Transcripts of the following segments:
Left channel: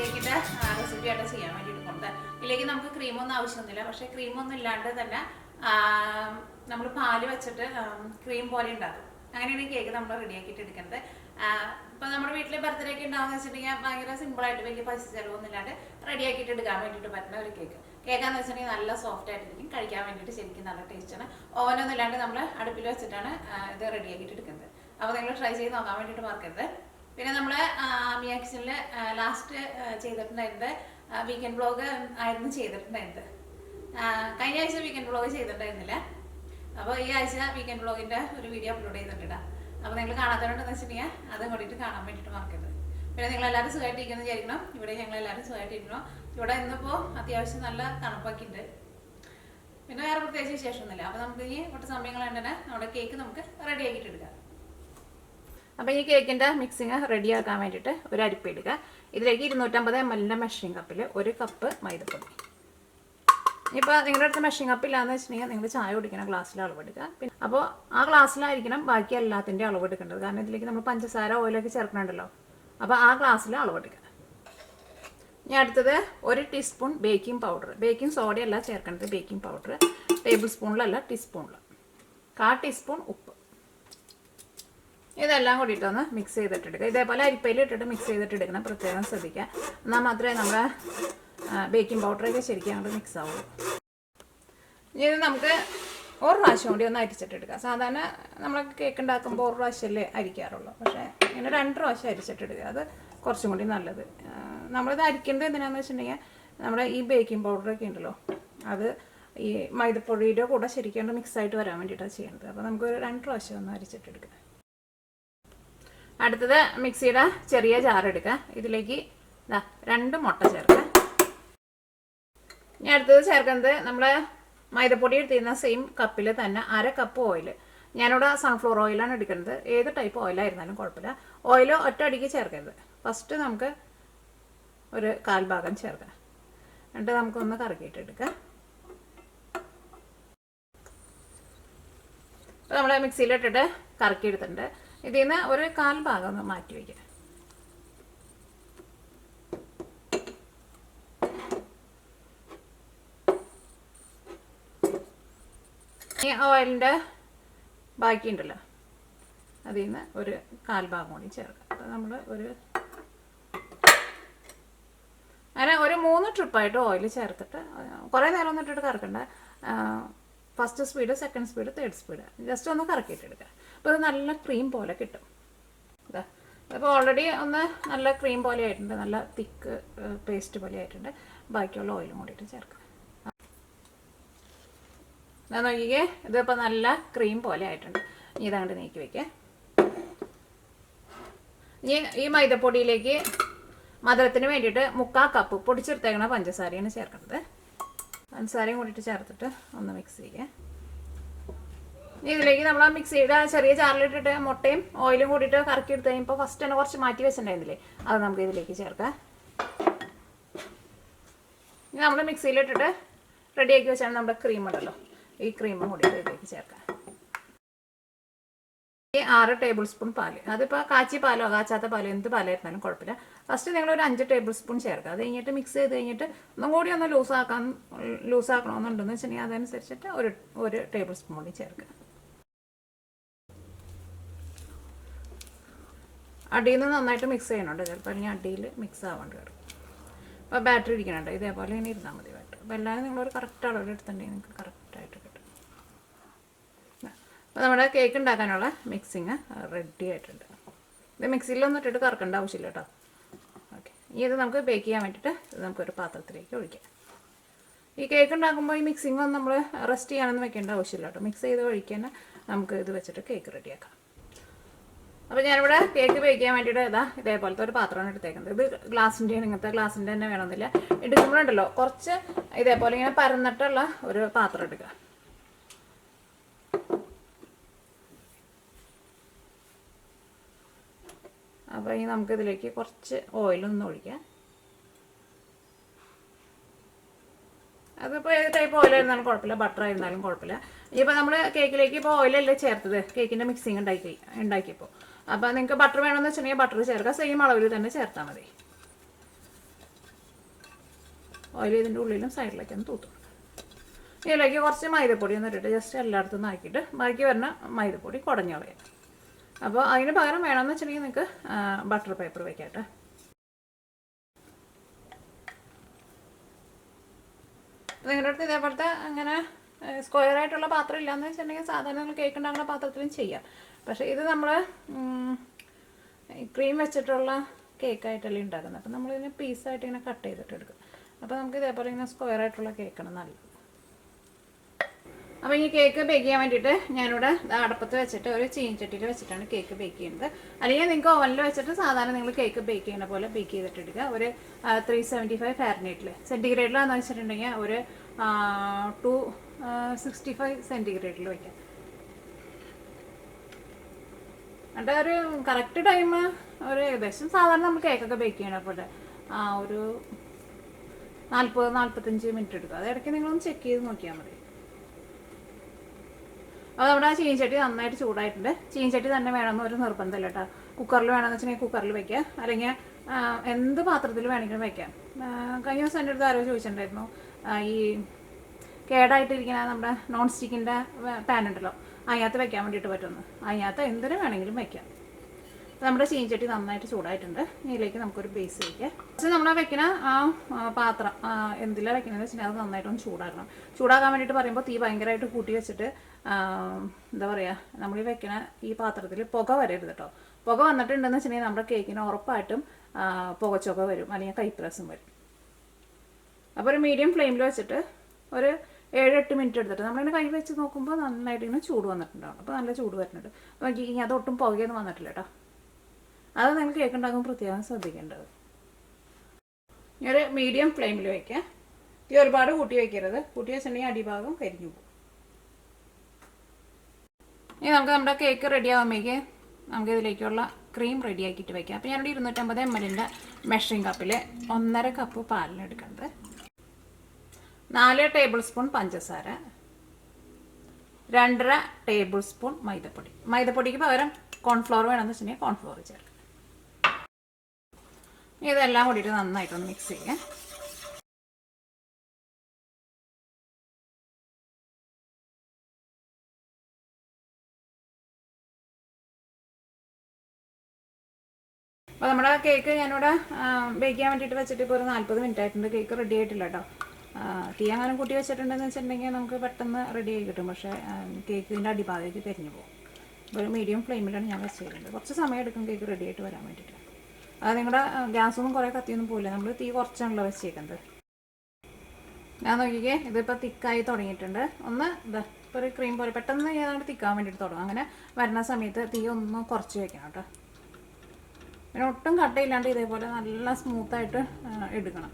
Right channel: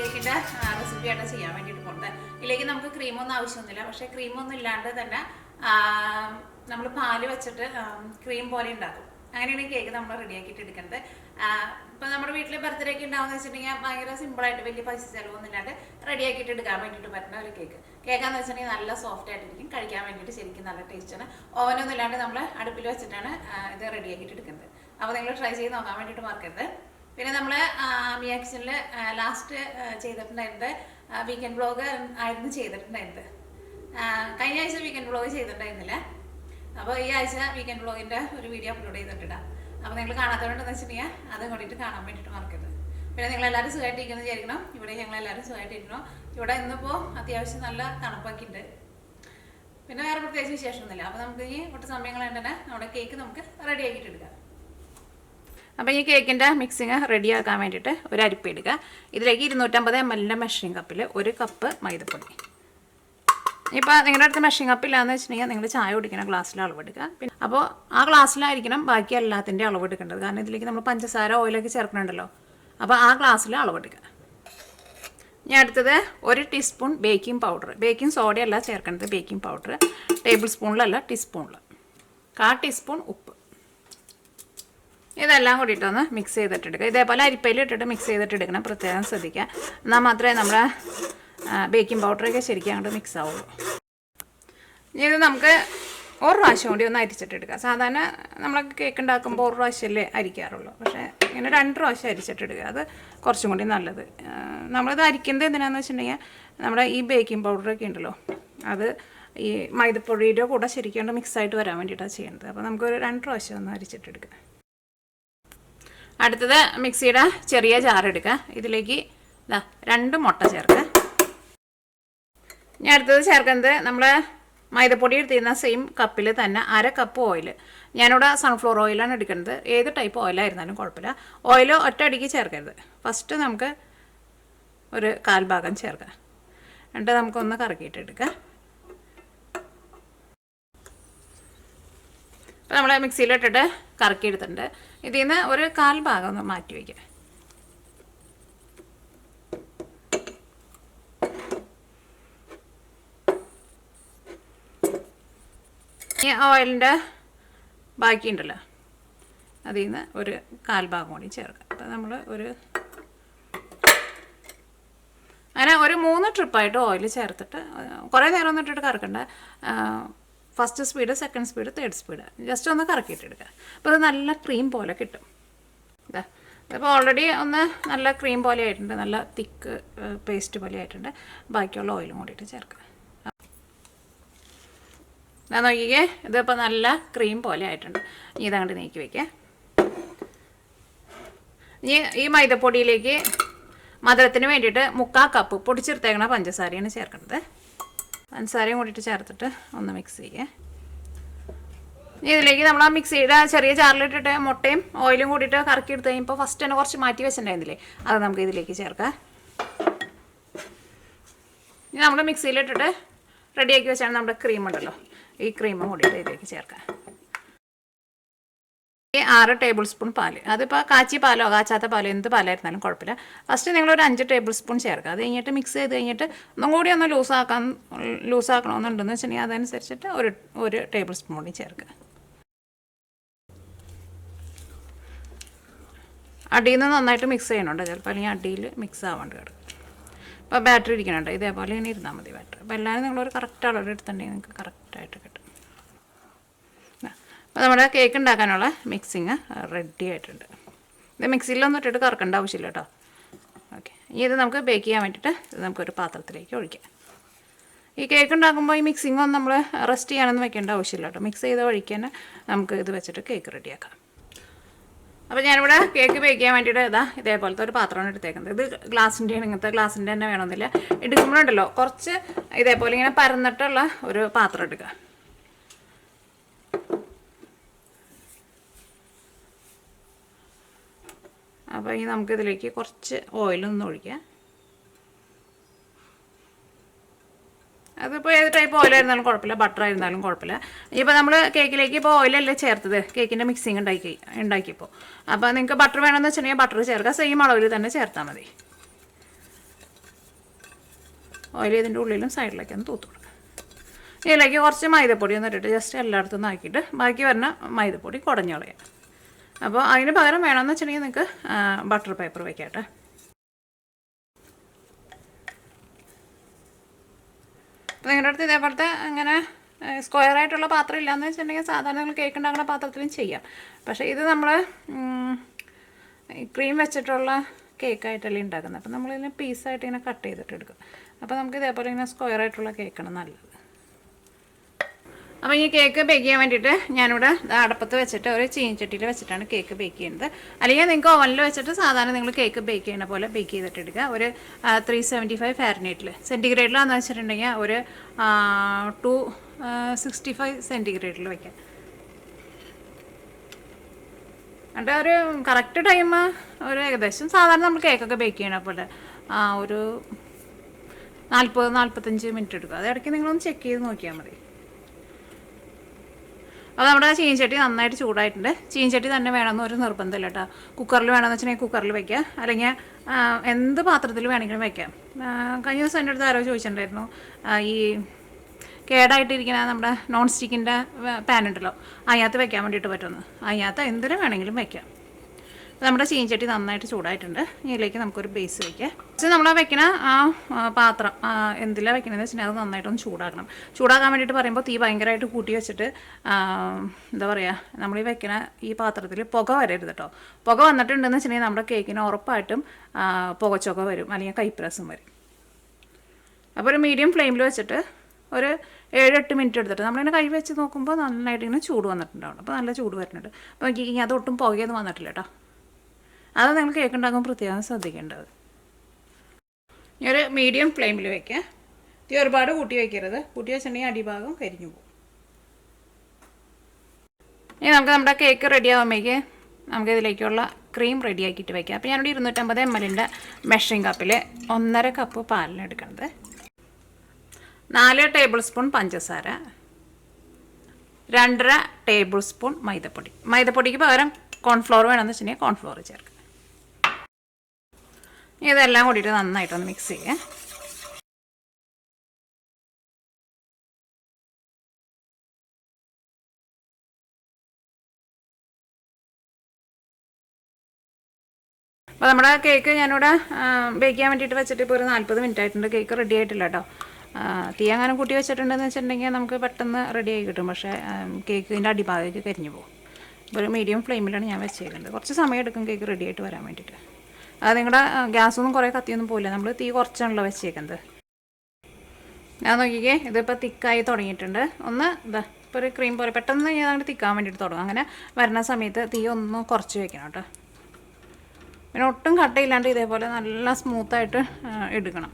കേക്കിൻ്റെ റെസിപ്പി ആയിട്ട് ചെയ്യാൻ വേണ്ടിയിട്ട് പോകുന്നത്. ഇതിലേക്ക് നമുക്ക് ക്രീമൊന്നും ആവശ്യമൊന്നുമില്ല. പക്ഷേ ക്രീമൊന്നും ഇല്ലാണ്ട് തന്നെ നമ്മൾ പാല് വെച്ചിട്ട് ക്രീം പോലെ ഉണ്ടാക്കും. അങ്ങനെയാണ് ഈ കേക്ക് നമ്മൾ റെഡിയാക്കിയിട്ട് എടുക്കുന്നത്. ഇപ്പം നമ്മുടെ വീട്ടിൽ ബർത്ത്ഡേ ഒക്കെ ഉണ്ടാവുമെന്ന് വെച്ചിട്ടുണ്ടെങ്കിൽ ഭയങ്കര സിമ്പിളായിട്ട് വലിയ പൈസ ചിലവൊന്നും ഇല്ലാണ്ട് റെഡിയാക്കിയിട്ട് എടുക്കാൻ വേണ്ടിയിട്ട് പറ്റുന്ന ഒരു കേക്കാന്ന് വെച്ചിട്ടുണ്ടെങ്കിൽ നല്ല സോഫ്റ്റ് ആയിട്ടിരിക്കും. കഴിക്കാൻ വേണ്ടിയിട്ട് ശരിക്കും നല്ല ടേസ്റ്റാണ്. ഓവനൊന്നും ഇല്ലാണ്ട് നമ്മൾ അടുപ്പിൽ വെച്ചിട്ടാണ് ഇത് റെഡിയാക്കിയിട്ട് എടുക്കുന്നത്. അപ്പോൾ നിങ്ങൾ ട്രൈ ചെയ്ത് നോക്കാൻ വേണ്ടിയിട്ട് മറക്കരുത്. പിന്നെ നമ്മൾ മിയ കിച്ചണിൽ ലാസ്റ്റ് ചെയ്തിട്ടുണ്ടായിരുന്നത് വീക്കെൻഡ് വ്ളോഗ് ആയിരുന്നു ചെയ്തിട്ടുണ്ടായിരുന്നത്. കഴിഞ്ഞ ആഴ്ച വീക്കെൻഡ് വ്ളോഗ് ചെയ്തിട്ടുണ്ടായിരുന്നില്ല. അപ്പോൾ ഈ ആഴ്ച വീക്കെൻഡ് വ്ളോഗിൻ്റെ ഒരു വീഡിയോ അപ്ലോഡ് ചെയ്തിട്ടിടാം. അപ്പോൾ നിങ്ങൾ കാണാത്തതുകൊണ്ടെന്ന് വെച്ചിട്ടുണ്ടെങ്കിൽ അതും കൂടിയിട്ട് കാണാൻ വേണ്ടിയിട്ട് മറക്കരുത്. പിന്നെ നിങ്ങളെല്ലാവരും സുഖമായിട്ടിരിക്കുന്നു വിചാരിക്കണം. ഇവിടെ ഞങ്ങളെല്ലാവരും സുഖമായിട്ടിരിക്കണം. ഇവിടെ ഇന്നിപ്പോൾ അത്യാവശ്യം നല്ല തണുപ്പൊക്കെ ഉണ്ട്. പിന്നെ വേറെ പ്രത്യേകിച്ച് വിശേഷമൊന്നുമില്ല. അപ്പോൾ നമുക്ക് ഈ ഒട്ട് സമയങ്ങൾ തന്നെ നമ്മുടെ കേക്ക് നമുക്ക് റെഡി ആക്കിയിട്ട് എടുക്കാം. അപ്പോൾ ഈ കേക്കിൻ്റെ മിക്സിങ് റെഡിയാക്കാൻ വേണ്ടിയിട്ട് ഒരു അരിപ്പ എടുക്കുക. ഇതിലേക്ക് 250 ml മെഷറിംഗ് കപ്പിൽ 1 കപ്പ് മൈദപ്പൊടി. ഇപ്പോൾ നിങ്ങളുടെ അടുത്ത് മെഷറിംഗ് കപ്പ് ഇല്ലാന്ന് വെച്ചിട്ടുണ്ടെങ്കിൽ നിങ്ങൾ ചായ കുടിക്കുന്ന ഗ്ലാസ്സിൽ അളവെടുക്കുക. പിന്നെ അപ്പോൾ ആ ഗ്ലാസ്സിലായിരിക്കണം ബാക്കി എല്ലാത്തിൻ്റെ അളവെടുക്കേണ്ടത്. കാരണം ഇതിലേക്ക് നമ്മൾ പഞ്ചസാര ഓയിലൊക്കെ ചേർക്കണുണ്ടല്ലോ. അപ്പോൾ ആ ഗ്ലാസ്സിൽ അളവെടുക്കുക. ഇനി അടുത്തത് 1 ടീസ്പൂൺ ബേക്കിംഗ് പൗഡർ. ബേക്കിംഗ് സോഡയല്ല ചേർക്കേണ്ടത്, ബേക്കിംഗ് പൗഡർ. ടേബിൾ സ്പൂണിലല്ല, ടീസ്പൂണിൽ. 1/4 ടീസ്പൂൺ ഉപ്പ്. ഇതെല്ലാം കൂടിയിട്ടൊന്ന് മിക്സ് ചെയ്തിട്ടെടുക്കുക. ഇതേപോലെ അരിപ്പയിൽ ഇട്ടിട്ട് മിക്സ് ചെയ്തിട്ടെടുക്കണം. പ്രത്യേകം ശ്രദ്ധിക്കുക. എന്നാൽ മാത്രമേ നമ്മുടെ ബേക്കിംഗ് പൗഡറൊക്കെ ശരിക്കും അങ്ങോട്ട് മിക്സ് ആവുള്ളൂ. ഇനി ഇത് നമുക്ക് ഒരു പ്രാവശ്യം കൂടി ഒന്ന് അരിച്ചിട്ടെടുക്കുക. സാധാരണ നമ്മൾ കേക്ക് ഉണ്ടാക്കുമ്പോൾ ഒരു പ്രാവശ്യമല്ലേ അരിക്കാറുള്ളൂ. പക്ഷേ ഇങ്ങനെ 2 പ്രാവശ്യം അരിച്ചിട്ടെടുക്കുക. അത് കുറച്ചും കൂടി നല്ലത്. നമ്മളിത് അരിക്കുന്നത് എന്തിനാണെന്ന് വെച്ചിട്ടുണ്ടെങ്കിൽ നമ്മുടെ ഈ ബേക്കിംഗ് പൗഡറൊക്കെ ഉണ്ടല്ലോ, അത് ഈ മൈദപ്പൊടിയുടെ കൂടെ ശരിക്കും മിക്സായിട്ട് വരാൻ വേണ്ടിയിട്ടാണ് ചെയ്യുന്നത്. അപ്പോൾ നമുക്കൊരു 2 പ്രാവശ്യം ഒന്ന് അരിച്ചിട്ടെടുക്കുക. അടുത്തത് മിക്സിയുടെ ചെറിയ ജാർ എടുക്കുക. ഇതിലേക്ക് 2 മുട്ട ചേർക്കുക. ഇനി അടുത്തത് ചേർക്കുന്നത് നമ്മൾ മൈദപ്പൊടി എടുത്തിരുന്ന സെയിം കപ്പിൽ തന്നെ 1/2 കപ്പ് ഓയിൽ. ഞാനിവിടെ സൺഫ്ലവർ ഓയിലാണ് എടുക്കുന്നത്. ഏത് ടൈപ്പ് ഓയിലായിരുന്നാലും കുഴപ്പമില്ല. ഓയിൽ ഒറ്റയടിക്ക് ചേർക്കരുത്. ഫസ്റ്റ് നമുക്ക് ഒരു 1/4 ഭാഗം ചേർക്കാം. എന്നിട്ട് നമുക്കൊന്ന് കറക്കിയിട്ട് എടുക്കാം. ഇപ്പോൾ നമ്മൾ മിക്സിയിലിട്ടിട്ട് കറക്കിയെടുത്തിട്ടുണ്ട്. ഇതിൽ നിന്ന് ഒരു 1/4 ഭാഗം ഒന്ന് മാറ്റി വയ്ക്കുക. ഈ ഓയിലിൻ്റെ ബാക്കിയുണ്ടല്ലോ, അതിൽ നിന്ന് ഒരു 1/4 ഭാഗം കൂടി ചേർക്കാം. അപ്പോൾ നമ്മൾ അങ്ങനെ ഒരു 3 ട്രിപ്പായിട്ട് ഓയിൽ ചേർത്തിട്ട് കുറേ നേരം ഒന്നും ഇട്ടിട്ട് കറക്കണ്ട. First speed, second speed, third speed just ഒന്ന് കറക്കിയിട്ടെടുക്കുക. അപ്പോൾ ഇത് നല്ല ക്രീം പോലെ കിട്ടും. അപ്പോൾ ഓൾറെഡി ഒന്ന് നല്ല ക്രീം പോലെ ആയിട്ടുണ്ട്, നല്ല തിക്ക് പേസ്റ്റ് പോലെ ആയിട്ടുണ്ട്. ബാക്കിയുള്ള ഓയിലും കൂടിയിട്ട് ചേർക്കുക. ഞാൻ നോക്കിക്കേ, ഇതിപ്പോൾ നല്ല ക്രീം പോലെ ആയിട്ടുണ്ട്. ഇതങ്ങോട്ട് നീക്കി വയ്ക്കുക. ഇനി ഈ മൈദപ്പൊടിയിലേക്ക് മധുരത്തിന് വേണ്ടിയിട്ട് 3/4 കപ്പ് പൊടിച്ചെടുത്തേക്കണ പഞ്ചസാരയാണ് ചേർക്കുന്നത്. പഞ്ചസാരയും കൂടിയിട്ട് ചേർത്തിട്ട് ഒന്ന് മിക്സ് ചെയ്യുക. ഇനി ഇതിലേക്ക് നമ്മൾ ആ മിക്സിയുടെ ചെറിയ ജാറിലിട്ടിട്ട് മുട്ടയും ഓയിലും കൂടിയിട്ട് കറക്കി എടുത്ത് കഴിയുമ്പോൾ ഫസ്റ്റ് തന്നെ കുറച്ച് മാറ്റി വെച്ചിട്ടുണ്ടായിരുന്നില്ലേ, അത് നമുക്ക് ഇതിലേക്ക് ചേർക്കാം. ഇനി നമ്മൾ മിക്സിയിലിട്ടിട്ട് റെഡിയാക്കി വെച്ചാണ് നമ്മുടെ ക്രീം ഉണ്ടല്ലോ, ഈ ക്രീമും കൂടിയിട്ട് ഇതിലേക്ക് ചേർക്കാം. ഈ 6 ടേബിൾ സ്പൂൺ പാല്. അതിപ്പോൾ കാച്ചി പാലോ കാച്ചാത്ത പാലോ എന്ത് പാലായിരുന്നാലും കുഴപ്പമില്ല. ഫസ്റ്റ് നിങ്ങളൊരു 5 ടേബിൾ സ്പൂൺ ചേർക്കുക. അത് കഴിഞ്ഞിട്ട് മിക്സ് ചെയ്ത് കഴിഞ്ഞിട്ട് ഒന്നും കൂടി ഒന്ന് ലൂസാക്കണമെന്നുണ്ടെന്ന് വെച്ചിട്ടുണ്ടെങ്കിൽ അതനുസരിച്ചിട്ട് ഒരു ടേബിൾ സ്പൂൺ കൂടി ചേർക്കുക. അടിയിൽ നിന്ന് നന്നായിട്ട് മിക്സ് ചെയ്യണുണ്ട്. ചിലപ്പോൾ അല്ലെങ്കിൽ അടിയിൽ മിക്സ് ആവാണ്ട് കിടക്കും. അപ്പോൾ ബാറ്ററി ഇരിക്കണുണ്ട്, ഇതേപോലെ ഇങ്ങനെ ഇരുന്നാൽ മതി ബാറ്ററി. അപ്പോൾ എല്ലാവരും നിങ്ങളൊരു കറക്റ്റ് അളവ് എടുത്തിട്ടുണ്ടെങ്കിൽ നിങ്ങൾക്ക് കറക്റ്റായിട്ട് കിട്ടും. അപ്പോൾ നമ്മുടെ കേക്ക് ഉണ്ടാക്കാനുള്ള മിക്സിങ് റെഡി ആയിട്ടുണ്ട്. ഇത് മിക്സിയിലൊന്നും ഇട്ടിട്ട് കറക്കേണ്ട ആവശ്യമില്ല കേട്ടോ. ഓക്കെ, ഇനി ഇത് നമുക്ക് ബേക്ക് ചെയ്യാൻ വേണ്ടിയിട്ട് ഇത് നമുക്കൊരു പാത്രത്തിലേക്ക് ഒഴിക്കാം. ഈ കേക്ക് ഉണ്ടാക്കുമ്പോൾ ഈ മിക്സിങ് ഒന്നും നമ്മൾ റെസ്റ്റ് ചെയ്യാനൊന്നും വെക്കേണ്ട ആവശ്യമില്ല കേട്ടോ. മിക്സ് ചെയ്ത് ഒഴിക്കാൻ നമുക്ക് ഇത് വെച്ചിട്ട് കേക്ക് റെഡിയാക്കാം. അപ്പോൾ ഞാനിവിടെ കേക്ക് ബേക്ക് ചെയ്യാൻ വേണ്ടിയിട്ട് ഇതേപോലത്തെ ഒരു പാത്രമാണ് എടുത്തേക്കുന്നത്. ഇത് ഗ്ലാസിൻ്റെയാണ്, ഇങ്ങനത്തെ ഗ്ലാസിൻ്റെ തന്നെ വേണമെന്നില്ല. എടുക്കുമ്പോഴുണ്ടല്ലോ കുറച്ച് ഇതേപോലെ ഇങ്ങനെ പരന്നിട്ടുള്ള ഒരു പാത്രം എടുക്കുക. അപ്പോൾ ഇനി നമുക്കിതിലേക്ക് കുറച്ച് ഓയിലൊന്നും ഒഴിക്കാം. അതിപ്പോൾ ഏത് ടൈപ്പ് ഓയിലായിരുന്നാലും കുഴപ്പമില്ല, ബട്ടർ ആയിരുന്നാലും കുഴപ്പമില്ല. ഇനിയിപ്പോൾ നമ്മൾ കേക്കിലേക്ക് ഇപ്പോൾ ഓയിലല്ലേ ചേർത്തത്, കേക്കിൻ്റെ മിക്സിങ് ഉണ്ടാക്കിയപ്പോൾ. അപ്പോൾ നിങ്ങൾക്ക് ബട്ടർ വേണമെന്ന് വെച്ചിട്ടുണ്ടെങ്കിൽ ബട്ടർ ചേർക്കുക. സെയിം അളവിൽ തന്നെ ചേർത്താൽ മതി. ഓയിൽ ഇതിൻ്റെ ഉള്ളിലും സൈഡിലേക്ക് ഒന്ന് തൂത്ത് കൊടുക്കുക. ഇതിലേക്ക് കുറച്ച് മൈദപ്പൊടി ഒന്ന് ഇട്ടിട്ട് ജസ്റ്റ് എല്ലായിടത്തും ആക്കിയിട്ട് ബാക്കി വരുന്ന മൈദപ്പൊടി കുടഞ്ഞ് കളയാം. അപ്പോൾ അതിന് പകരം വേണമെന്ന് വെച്ചിട്ടുണ്ടെങ്കിൽ നിങ്ങൾക്ക് ബട്ടർ പേപ്പർ വെക്കാട്ടെ. അപ്പോൾ നിങ്ങളുടെ അടുത്ത് ഇതേപോലത്തെ അങ്ങനെ സ്ക്വയർ ആയിട്ടുള്ള പാത്രം ഇല്ലയെന്ന് വെച്ചിട്ടുണ്ടെങ്കിൽ സാധാരണ നിങ്ങൾ കേക്ക് ഉണ്ടാക്കുന്ന പാത്രത്തിലും ചെയ്യാം. പക്ഷേ ഇത് നമ്മൾ ക്രീം വെച്ചിട്ടുള്ള കേക്കായിട്ടല്ലേ ഉണ്ടാക്കുന്നത്. അപ്പോൾ നമ്മളിതിനെ പീസായിട്ട് ഇങ്ങനെ കട്ട് ചെയ്തിട്ട് എടുക്കും. അപ്പോൾ നമുക്ക് ഇതേപോലെ ഇങ്ങനെ സ്ക്വയർ ആയിട്ടുള്ള കേക്കാണ് നല്ലത്. അപ്പോൾ ഈ കേക്ക് ബേക്ക് ചെയ്യാൻ വേണ്ടിയിട്ട് ഞാനിവിടെ അടുപ്പത്ത് വെച്ചിട്ട് ഒരു ചീനച്ചട്ടിയിൽ വെച്ചിട്ടാണ് കേക്ക് ബേക്ക് ചെയ്യുന്നത്. അല്ലെങ്കിൽ നിങ്ങൾക്ക് ഓവനിൽ വെച്ചിട്ട് സാധാരണ നിങ്ങൾ കേക്ക് ബേക്ക് ചെയ്യുന്ന പോലെ ബേക്ക് ചെയ്തിട്ട് എടുക്കുക. ഒരു 375 ഫാരനൈറ്റിൽ, സെൻറ്റിഗ്രേഡിലാണെന്ന് വെച്ചിട്ടുണ്ടെങ്കിൽ ഒരു 265 സെൻറ്റിഗ്രേഡിൽ വയ്ക്കാം. എന്നിട്ട് ഒരു കറക്റ്റ് ടൈം ഒരു ഏകദേശം സാധാരണ നമ്മൾ കേക്കൊക്കെ ബേക്ക് ചെയ്യണ പോലെ ഒരു 40-45 മിനിറ്റ് എടുക്കുക. അത് ഇടയ്ക്ക് നിങ്ങളൊന്ന് ചെക്ക് ചെയ്ത് നോക്കിയാൽ മതി. അത് നമ്മുടെ ചീനച്ചട്ടി നന്നായിട്ട് ചൂടായിട്ടുണ്ട്. ചീനച്ചട്ടി തന്നെ വേണമെന്ന് ഒരു നിർബന്ധമില്ല കേട്ടോ. കുക്കറിൽ വേണമെന്ന് വെച്ചിട്ടുണ്ടെങ്കിൽ കുക്കറിൽ വയ്ക്കുക, അല്ലെങ്കിൽ എന്ത് പാത്രത്തിൽ വേണമെങ്കിലും വയ്ക്കാം. കഴിഞ്ഞ ദിവസം എൻ്റെ അടുത്ത് ആരോ ചോദിച്ചിട്ടുണ്ടായിരുന്നു, ഈ കേടായിട്ടിരിക്കുന്ന നമ്മുടെ നോൺ സ്റ്റിക്കിൻ്റെ പാൻ ഉണ്ടല്ലോ, അതിനകത്ത് വെക്കാൻ വേണ്ടിയിട്ട് പറ്റുമെന്ന്. അതിനകത്ത് എന്തിനു വേണമെങ്കിലും വയ്ക്കാം. നമ്മുടെ ചീനച്ചട്ടി നന്നായിട്ട് ചൂടായിട്ടുണ്ട്. ഇതിലേക്ക് നമുക്കൊരു ബേസ് വയ്ക്കാം. പക്ഷേ നമ്മൾ വെക്കുന്ന പാത്രം എന്തിലാണ് വെക്കണമെന്ന് വെച്ചിട്ടുണ്ടെങ്കിൽ അത് നന്നായിട്ടൊന്ന് ചൂടാക്കണം. ചൂടാക്കാൻ വേണ്ടിയിട്ട് പറയുമ്പോൾ തീ ഭയങ്കരമായിട്ട് കൂട്ടി വെച്ചിട്ട് എന്താ പറയുക, നമ്മൾ ഈ വെക്കുന്ന ഈ പാത്രത്തിൽ പുക വരരുത് കേട്ടോ. പുക വന്നിട്ടുണ്ടെന്ന് വെച്ചിട്ടുണ്ടെങ്കിൽ നമ്മുടെ കേക്കിന് ഉറപ്പായിട്ടും പുകച്ചൊക്കെ വരും, അല്ലെങ്കിൽ കൈപ്രസം വരും. അപ്പോൾ ഒരു മീഡിയം ഫ്ലെയിമിൽ വെച്ചിട്ട് ഒരു 7-8 മിനിറ്റ് എടുത്തിട്ട് നമ്മളിങ്ങനെ കൈ വെച്ച് നോക്കുമ്പോൾ നന്നായിട്ട് ഇങ്ങനെ ചൂട് വന്നിട്ടുണ്ടാവും. അപ്പോൾ നല്ല ചൂട് വരുന്നുണ്ട്. അപ്പോൾ നോക്കി അതൊട്ടും പുകയൊന്നും വന്നിട്ടില്ല കേട്ടോ. അത് നിങ്ങൾ കേക്ക് ഉണ്ടാക്കുമ്പോൾ പ്രത്യേകം ശ്രദ്ധിക്കേണ്ടത്. ഒരു മീഡിയം ഫ്ലെയിമിൽ വയ്ക്കുക. തീ ഒരുപാട് കൂട്ടി വയ്ക്കരുത്. കൂട്ടി വെച്ചിട്ടുണ്ടെങ്കിൽ അടിഭാഗം കരിഞ്ഞു പോകും. ഇനി നമുക്ക് നമ്മുടെ കേക്ക് റെഡി ആകുമ്പോഴേക്ക് നമുക്ക് ഇതിലേക്കുള്ള ക്രീം റെഡി ആക്കിയിട്ട് വയ്ക്കാം. അപ്പോൾ ഞാനിവിടെ 250 ml മെഷറിംഗ് കപ്പിൽ 1.5 കപ്പ് പാലിനെടുക്കുന്നത്, 4 ടേബിൾ സ്പൂൺ പഞ്ചസാര, 2.5 ടേബിൾ സ്പൂൺ മൈദപ്പൊടി. മൈദപ്പൊടിക്ക് പകരം കോൺഫ്ലോർ വേണമെന്ന് വെച്ചിട്ടുണ്ടെങ്കിൽ കോൺഫ്ലോർ ചേർക്കുക. ഇതെല്ലാം കൂടിയിട്ട് നന്നായിട്ടൊന്ന് മിക്സ് ചെയ്യുക. അപ്പോൾ നമ്മുടെ കേക്ക് ഞാനിവിടെ ബേക്ക് ചെയ്യാൻ വേണ്ടിയിട്ട് വെച്ചിട്ട് ഇപ്പോൾ ഒരു 40 മിനിറ്റ് ആയിട്ടുണ്ട്. കേക്ക് റെഡി ആയിട്ടില്ല കേട്ടോ. തീ അങ്ങനെ കൂട്ടി വെച്ചിട്ടുണ്ടെന്ന് വെച്ചിട്ടുണ്ടെങ്കിൽ നമുക്ക് പെട്ടെന്ന് റെഡി ആയി കിട്ടും. പക്ഷേ കേക്കിൻ്റെ അടിഭാഗത്തേക്ക് കരിഞ്ഞു പോകും. ഒരു മീഡിയം ഫ്ലെയിമിലാണ് ഞാൻ വെച്ചേക്കുന്നത്. കുറച്ച് സമയം എടുക്കും കേക്ക് റെഡി ആയിട്ട് വരാൻ വേണ്ടിയിട്ട്. അത് നിങ്ങളുടെ ഗ്യാസൊന്നും കുറേ കത്തിയൊന്നും പോയില്ല. നമ്മൾ തീ കുറച്ചാണല്ലോ വെച്ചേക്കുന്നത്. ഞാൻ നോക്കിക്കേ, ഇതിപ്പോൾ തിക്കായി തുടങ്ങിയിട്ടുണ്ട്. ഒന്ന് ഇതാ ഇപ്പോൾ ഒരു ക്രീം പോലെ പെട്ടെന്ന് ഞാൻ അങ്ങോട്ട് തിക്കാൻ വേണ്ടിയിട്ട് തുടങ്ങും. അങ്ങനെ വരുന്ന സമയത്ത് തീ ഒന്ന് കുറച്ച് വെക്കണം കേട്ടോ. പിന്നെ ഒട്ടും കട്ടയില്ലാണ്ട് ഇതേപോലെ നല്ല സ്മൂത്തായിട്ട് എടുക്കണം.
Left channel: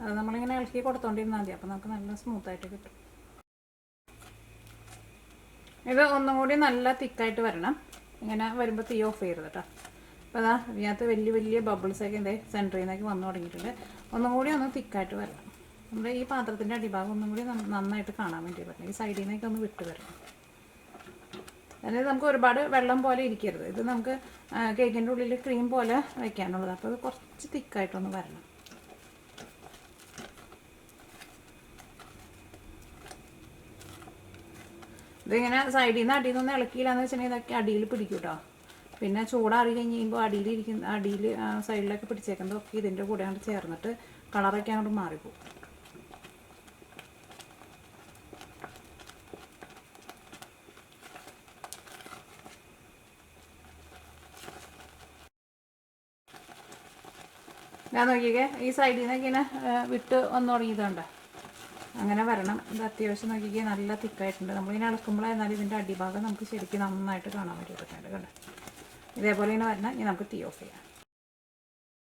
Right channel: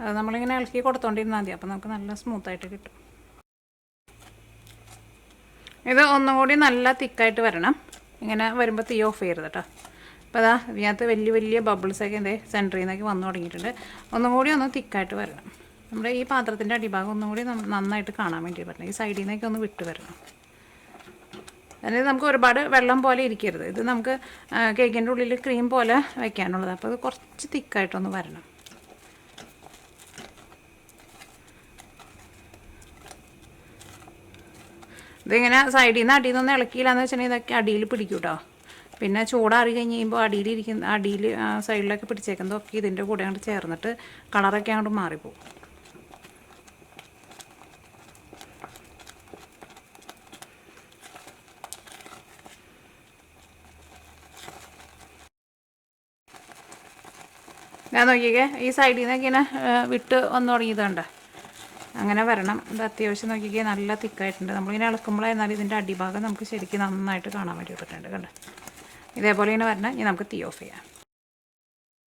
അത് നമ്മളിങ്ങനെ ഇളക്കി കൊടുത്തോണ്ടിരുന്നാൽ മതി. അപ്പോൾ നമുക്ക് നല്ല സ്മൂത്തായിട്ട് കിട്ടും. ഇത് ഒന്നും കൂടി നല്ല തിക്കായിട്ട് വരണം. ഇങ്ങനെ വരുമ്പോൾ തീ ഓഫ് ചെയ്യരുത് കേട്ടോ. അപ്പോൾ അതാ ഇതിനകത്ത് വലിയ ബബിൾസൊക്കെ എന്തേ സെൻറ്ററിൽ നിന്നൊക്കെ വന്നു തുടങ്ങിയിട്ടുണ്ട്. ഒന്നും കൂടി ഒന്ന് തിക്കായിട്ട് വരണം. നമ്മുടെ ഈ പാത്രത്തിൻ്റെ അടിഭാഗം ഒന്നും കൂടി നന്നായിട്ട് കാണാൻ വേണ്ടി പറ്റണം. ഈ സൈഡിൽ നിന്നൊക്കെ ഒന്ന് വിട്ട് വരണം. അതായത് നമുക്ക് ഒരുപാട് വെള്ളം പോലെ ഇരിക്കരുത്. ഇത് നമുക്ക് കേക്കിൻ്റെ ഉള്ളിൽ ക്രീം പോലെ വയ്ക്കാനുള്ളത്. അപ്പോൾ അത് കുറച്ച് തിക്കായിട്ടൊന്ന് വരണം. ഇതിങ്ങനെ സൈഡിൽ നിന്ന് അടിയിൽ നിന്നൊന്നും ഇളക്കിയില്ലാന്ന് വെച്ചിട്ടുണ്ടെങ്കിൽ ഇതൊക്കെ അടിയിൽ പിടിക്കും കേട്ടോ. പിന്നെ ചൂടാറി കഴിഞ്ഞ് കഴിയുമ്പോൾ അടിയിൽ സൈഡിലൊക്കെ പിടിച്ചേക്കുന്നതൊക്കെ ഇതിൻ്റെ കൂടെ അങ്ങോട്ട് ചേർന്നിട്ട് കളറൊക്കെ അങ്ങോട്ട് മാറിപ്പോകും. ഞാൻ നോക്കിക്കേ, ഈ സൈഡിൽ നിന്നൊക്കെ ഇങ്ങനെ വിട്ട് വന്നു തുടങ്ങിയതുണ്ട്. അങ്ങനെ വരണം. ഇത് അത്യാവശ്യം നോക്കിക്കേ നല്ല തിക്കായിട്ടുണ്ട്. നമ്മളിങ്ങനെ ഇളക്കുമ്പോഴായിരുന്നാലും ഇതിൻ്റെ അടിഭാഗം നമുക്ക് ശരിക്കും നന്നായിട്ട് കാണാൻ വേണ്ടിയിട്ടുണ്ട്. കണ്ടോ, ഇതേപോലെ ഇങ്ങനെ വരണം. ഇനി നമുക്ക് തീ ഓഫ് ചെയ്യാം.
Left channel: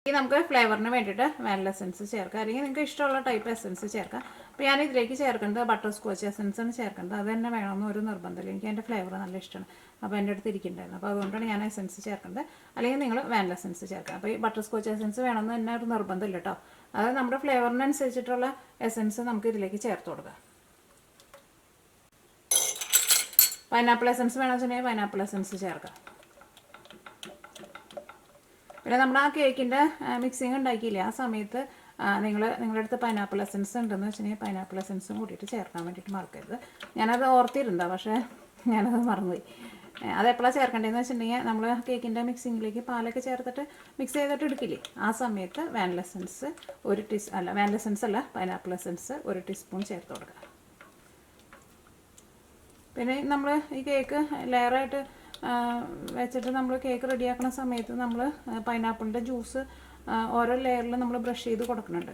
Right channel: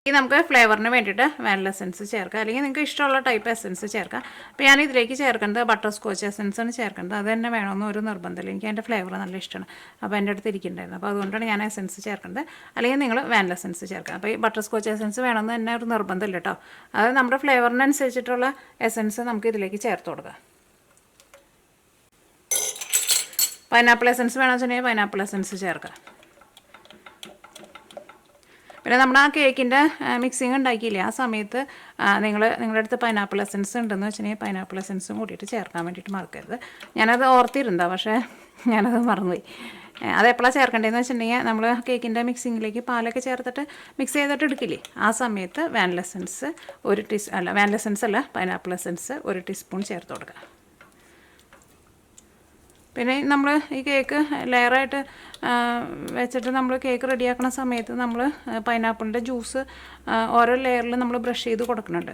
ഈ നമുക്ക് ഫ്ലേവറിന് വേണ്ടിയിട്ട് വാനില എസൻസ് ചേർക്കാം, അല്ലെങ്കിൽ നിങ്ങൾക്ക് ഇഷ്ടമുള്ള ടൈപ്പ് എസൻസ് ചേർക്കാം. അപ്പോൾ ഞാൻ ഇതിലേക്ക് ചേർക്കേണ്ടത് ബട്ടർ സ്കോച്ച് എസൻസാണ് ചേർക്കേണ്ടത്. അത് തന്നെ വേണമെന്ന് ഒരു നിർബന്ധമില്ല. എനിക്ക് അതിൻ്റെ ഫ്ലേവർ നല്ല ഇഷ്ടമാണ്. അപ്പോൾ എൻ്റെ അടുത്ത് ഇരിക്കുന്നുണ്ടായിരുന്നു. അപ്പോൾ അതുകൊണ്ടാണ് ഞാൻ എസൻസ് ചേർക്കേണ്ടത്. അല്ലെങ്കിൽ നിങ്ങൾ വാനില എസൻസ് ചേർക്കാം. അപ്പോൾ ഈ ബട്ടർ സ്കോച്ച് എസൻസ് വേണമെന്ന് തന്നെ ഒരു നിർബന്ധമില്ല കേട്ടോ. അത് നമ്മുടെ ഫ്ലേവറിനനുസരിച്ചിട്ടുള്ള എസൻസ് നമുക്ക് ഇതിലേക്ക് ചേർത്ത് കൊടുക്കാം. പൈനാപ്പിൾ എസൻസ് വേണമെന്ന് വെച്ചിട്ടുണ്ടെങ്കിൽ പൈനാപ്പിൾ എസൻസ് ചേർക്കാം. പിന്നെ നമ്മുടെ ആ കേക്കിൻ്റെ മിക്സിങ് ഉണ്ടാക്കിയില്ലേ, ആ സമയത്ത് നിങ്ങളുടെ അടുത്ത് പൈനാപ്പിൾ എസൻസ് ഉണ്ടെന്ന് വെച്ചിട്ടുണ്ടെങ്കിൽ പൈനാപ്പിൾ എസൻസും കൂടിയിട്ട് ചേർക്കാൻ വേണ്ടിയിട്ട് മറക്കരുത്. ഞാനത് ഓർത്തിരുന്നതാണ്, പക്ഷേ ഞാനത് മറന്നുപോയി. അതെപ്പോഴാണ് ചേർക്കേണ്ടതെന്ന് വെച്ചിട്ടുണ്ടെങ്കിൽ നമ്മൾ കേക്കിൻ്റെ മിക്സിങ്ങിലേക്ക് പാലൊക്കെ ചേർത്തിട്ട് മിക്സ് ചെയ്തിട്ട് എടുക്കില്ലേ, ആ സമയത്ത് വാനില എസൻസ് വാനില എസൻസ് അല്ല, പൈനാപ്പിൾ എസൻസ് 1 ടീസ്പൂൺ ചേർത്ത് കൊടുക്കുക. പിന്നെ നമ്മൾ ഈ കേക്ക് ലെയറായിട്ട് വെച്ചിട്ട് നമ്മൾ കേക്ക് റെഡിയാക്കുന്ന സമയത്ത് നമ്മൾ പൈനാപ്പിളിൻ്റെ ജ്യൂസ് ഓരോ ലെയറിൽ നമ്മൾ ബ്രഷ് ചെയ്ത് കൊടുക്കുന്നുണ്ട്.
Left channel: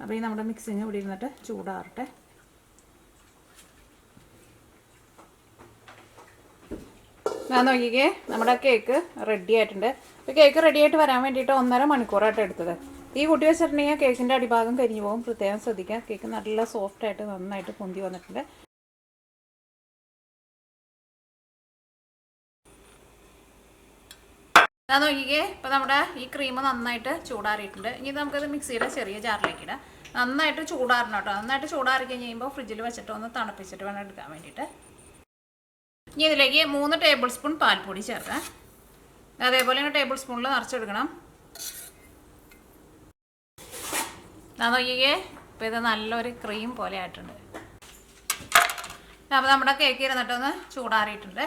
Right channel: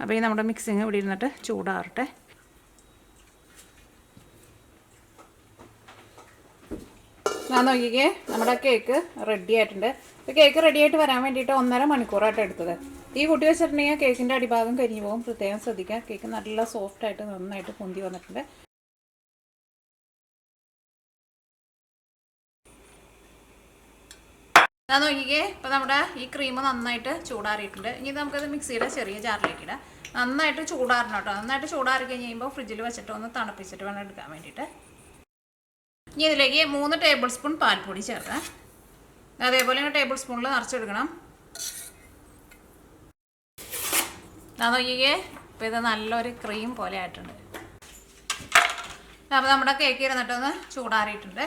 അപ്പോൾ ഈ നമ്മുടെ മിക്സിങ് ഇവിടെ ഇരുന്നിട്ട് ചൂടാറട്ടെ. ഞാൻ നോക്കിക്കേ, നമ്മുടെ കേക്ക് റെഡി ആയിട്ടുണ്ട്. അപ്പോൾ കേക്ക് റെഡി ആയിട്ട് വരാൻ വേണ്ടിയിട്ട് 1.5 മണിക്കൂറായിട്ട് എടുത്തത്. ഈ കുട്ടി വെച്ചിട്ടുണ്ടെങ്കിൽ കേക്കിൻ്റെ അടിഭാഗം കരിഞ്ഞു പോകും, പ്രത്യേകം ശ്രദ്ധിക്കുക. കേക്ക് നല്ല സോഫ്റ്റായിട്ട് നന്നായിട്ട് പൊന്തി വന്നിട്ടുണ്ട്. ഞാൻ നോക്കിക്കേ, ഇപ്പോൾ നമ്മുടെ ഈ ക്രീം നന്നായിട്ട് ചൂടാറിയിട്ടുണ്ട്. ഇനി നമുക്കത് മിക്സിയുടെ ചെറിയ ജാറിലേക്ക് ഇടാം. നന്നായിട്ട് ചൂടാറണം കേട്ടോ. നന്നായിട്ട് ചൂടാറി കഴിഞ്ഞ് കഴിയുമ്പോൾ ഫ്രിഡ്ജിൽ വെച്ചിട്ട് ഒന്ന് തണുപ്പിച്ചിട്ട് വേണം എടുക്കാൻ വേണ്ടിയിട്ട്. ഇനി ഇതിലേക്ക് 3 ടേബിൾ സ്പൂൺ പാൽപ്പൊടി ചേർക്കാം. അതേപോലെ ടേബിൾ സ്പൂണിൽ നിറച്ചെടുക്കണം. ഞാൻ നോക്കിക്കേ, ഇപ്പോൾ ഇത് നല്ലൊരു ക്രീം പോലെ ആയിട്ടുണ്ട്. അപ്പോൾ നമ്മുടെ കേക്ക് ഇരുന്നിട്ടൊന്ന് ചൂടാറിയിട്ടുണ്ട്.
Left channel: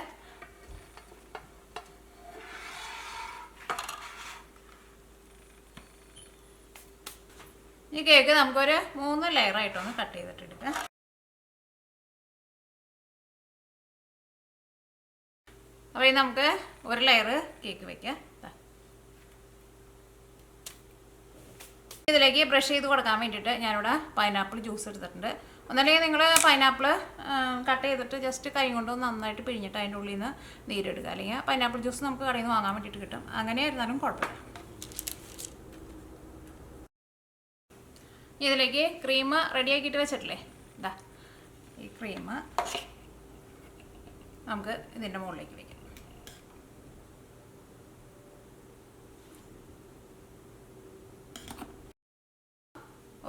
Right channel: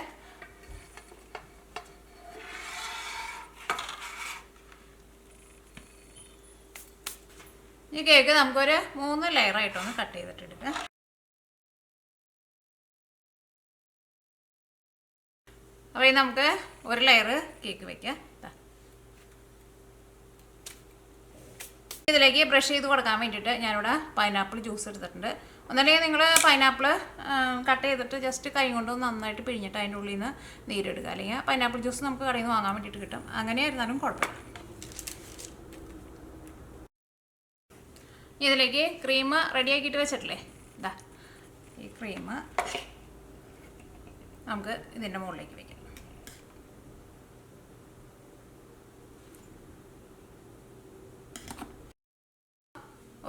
ഈ കേക്ക് നമുക്കൊരു 3 ലെയറായിട്ടൊന്ന് കട്ട് ചെയ്തിട്ടെടുക്കാം. അപ്പോൾ ഇത് നമുക്ക് ഒരു ലെയർ കേക്ക് വയ്ക്കാം. ഇതിലേക്ക് ബ്രഷ് ചെയ്ത് കൊടുക്കാൻ വേണ്ടിയിട്ട് ഞാനിവിടെ പൈനാപ്പിൾ ജ്യൂസ് എടുത്തിട്ടുണ്ട്. ഒന്നല്ലെങ്കിൽ നിങ്ങൾ പൈനാപ്പിൾ കട്ട് ചെയ്തിട്ട് ജസ്റ്റ് കൈ കൊണ്ട് നന്നായിട്ട് പിഴിഞ്ഞിട്ട് അതിൻ്റെ ഉള്ളിൽ നിന്ന് നീരെടുക്കുക. അല്ലെങ്കിൽ പൈനാപ്പിൾ ജ്യൂസ് നമുക്ക് കടയിൽ നിന്ന് വാങ്ങാൻ വേണ്ടിയിട്ട് കിട്ടും. അങ്ങനെ ആയിരുന്നാലും കുഴപ്പമില്ല. ഇതിലേക്ക് ക്രീം റെഡിയാക്കിയിട്ട് വെച്ചിട്ടില്ലേ, ഇതാ ഈ ക്രീം നമുക്ക് ഇതിൻ്റെ മുകളിലേക്ക് വയ്ക്കാം.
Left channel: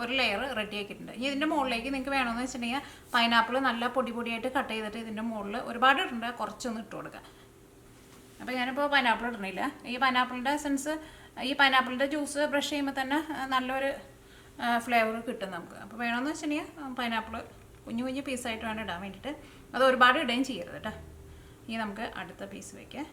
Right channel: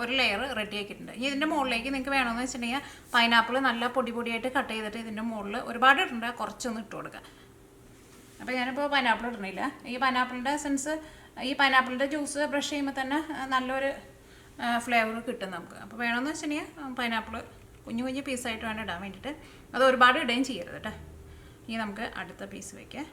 ഒരു ലെയർ റെഡി ആക്കിയിട്ടുണ്ട്. ഇനി ഇതിൻ്റെ മുകളിലേക്ക് നിങ്ങൾക്ക് വേണമെന്ന് വെച്ചിട്ടുണ്ടെങ്കിൽ പൈനാപ്പിൾ നല്ല പൊടി പൊടിയായിട്ട് കട്ട് ചെയ്തിട്ട് ഇതിൻ്റെ മുകളിൽ ഒരുപാട് ഇടണ്ട, കുറച്ചൊന്ന് ഇട്ട് കൊടുക്കുക. അപ്പോൾ ഞാനിപ്പോൾ പൈനാപ്പിൾ ഇടണില്ല. ഈ പൈനാപ്പിളിൻ്റെ എസൻസ്, ഈ പൈനാപ്പിളിൻ്റെ ജ്യൂസ് ബ്രഷ് ചെയ്യുമ്പോൾ തന്നെ നല്ലൊരു ഫ്ലേവർ കിട്ടും നമുക്ക്. അപ്പോൾ വേണമെന്ന് വെച്ചിട്ടുണ്ടെങ്കിൽ പൈനാപ്പിൾ കുഞ്ഞു കുഞ്ഞു പീസായിട്ട് വേണം ഇടാൻ വേണ്ടിയിട്ട്. അത് ഒരുപാട് ഇടുകയും ചെയ്യരുത് കേട്ടോ. ഇനി നമുക്ക് അടുത്ത പീസ് വയ്ക്കാം.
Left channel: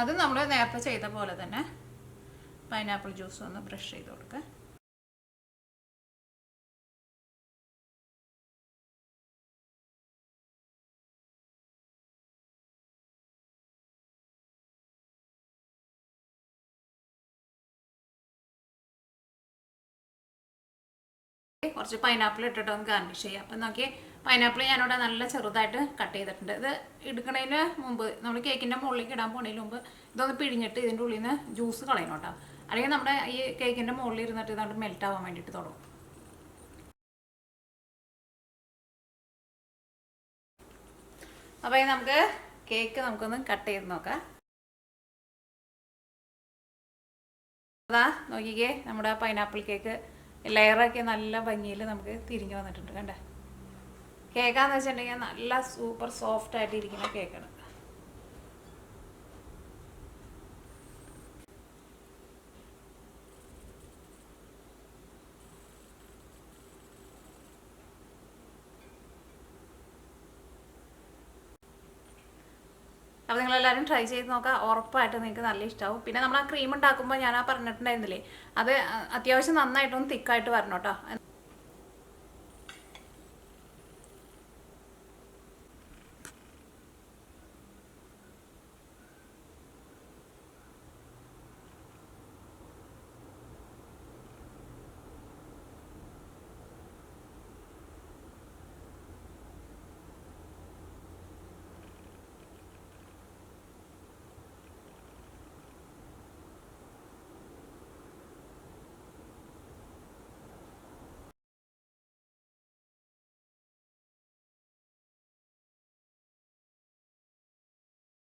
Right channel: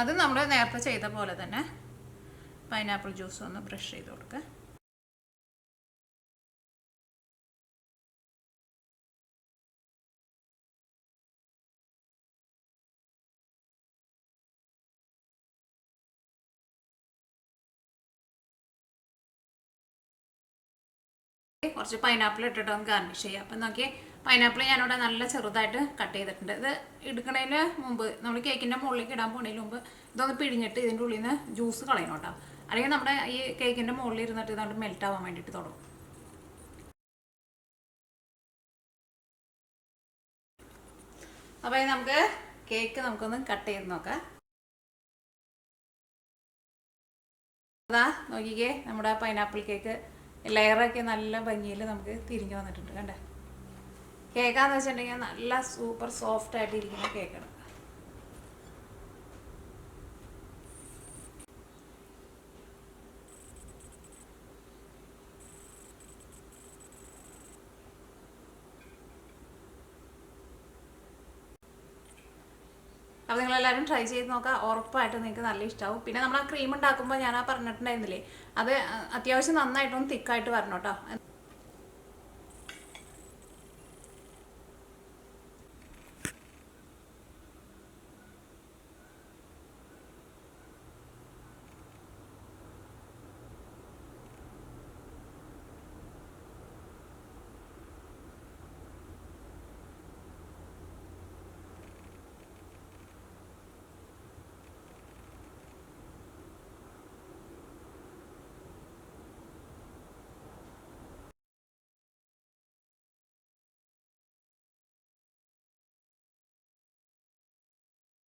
അത് നമ്മൾ നേരത്തെ ചെയ്ത പോലെ തന്നെ പൈനാപ്പിൾ ജ്യൂസ് ഒന്ന് ബ്രഷ് ചെയ്ത് കൊടുക്കുക. കുറച്ച് പൈനാപ്പിൾ ഇട്ടിട്ട് ഒന്ന് ഗാർണിഷ് ചെയ്യാം. അപ്പം നോക്കി, പൈനാപ്പിൾ ഞാനിവിടെ നല്ല ചെറുതായിട്ട് കട്ട് ചെയ്തിട്ടുണ്ട്. ഇത് എടുക്കുന്നതിന് മുമ്പ്, നമ്മൾ കേക്കിൻ്റെ മുകളിലേക്ക് ഇടാൻ പോകുന്നതിന് മുമ്പ് ഇതൊന്ന് പിഴിഞ്ഞിട്ട് ഇതിൻ്റെ ഉള്ളിൽ നിന്ന് ജ്യൂസ് കളയണം കേട്ടോ. അല്ലെങ്കിൽ നമ്മുടെ ഈ കേക്കിൻ്റെ മുകളിൽ ഇരുന്നിട്ട് ഇതുകൊണ്ട് മെൽറ്റ് ആവാൻ വേണ്ടിയിട്ട് തുടങ്ങും. അപ്പോൾ നമുക്ക് കേക്ക് നമുക്കൊന്ന് കട്ട് ചെയ്ത് നോക്കാം. അതാ നോക്കിക്കേ, നമ്മുടെ പൈനാപ്പിൾ കേക്ക് ലെയറൊക്കെ നല്ല ഭംഗിയിൽ നമുക്ക് തിരിഞ്ഞു വന്നിട്ടുണ്ട്. കണ്ടേ, കേക്കാന്ന് വെച്ചിട്ടുണ്ടെങ്കിൽ നല്ല സൂപ്പർ സോഫ്റ്റ് ആയിട്ട് ഇരിക്കുന്ന കേക്കാണ്. അപ്പോൾ നിങ്ങളെല്ലാവരും ട്രൈ ചെയ്ത് നോക്കുക. ഉറപ്പായിട്ട് നിങ്ങൾക്ക് നല്ല ഇഷ്ടമാവും. പിന്നെ നമ്മൾ ആ ക്രീം ഉണ്ടാക്കുമ്പോൾ ഞാൻ പറഞ്ഞിട്ടുണ്ടായിരുന്നില്ലേ, അത് അത്യാവശ്യം നന്നായിട്ടൊന്ന് തിക്കായിട്ട് വരണം കേട്ടോ.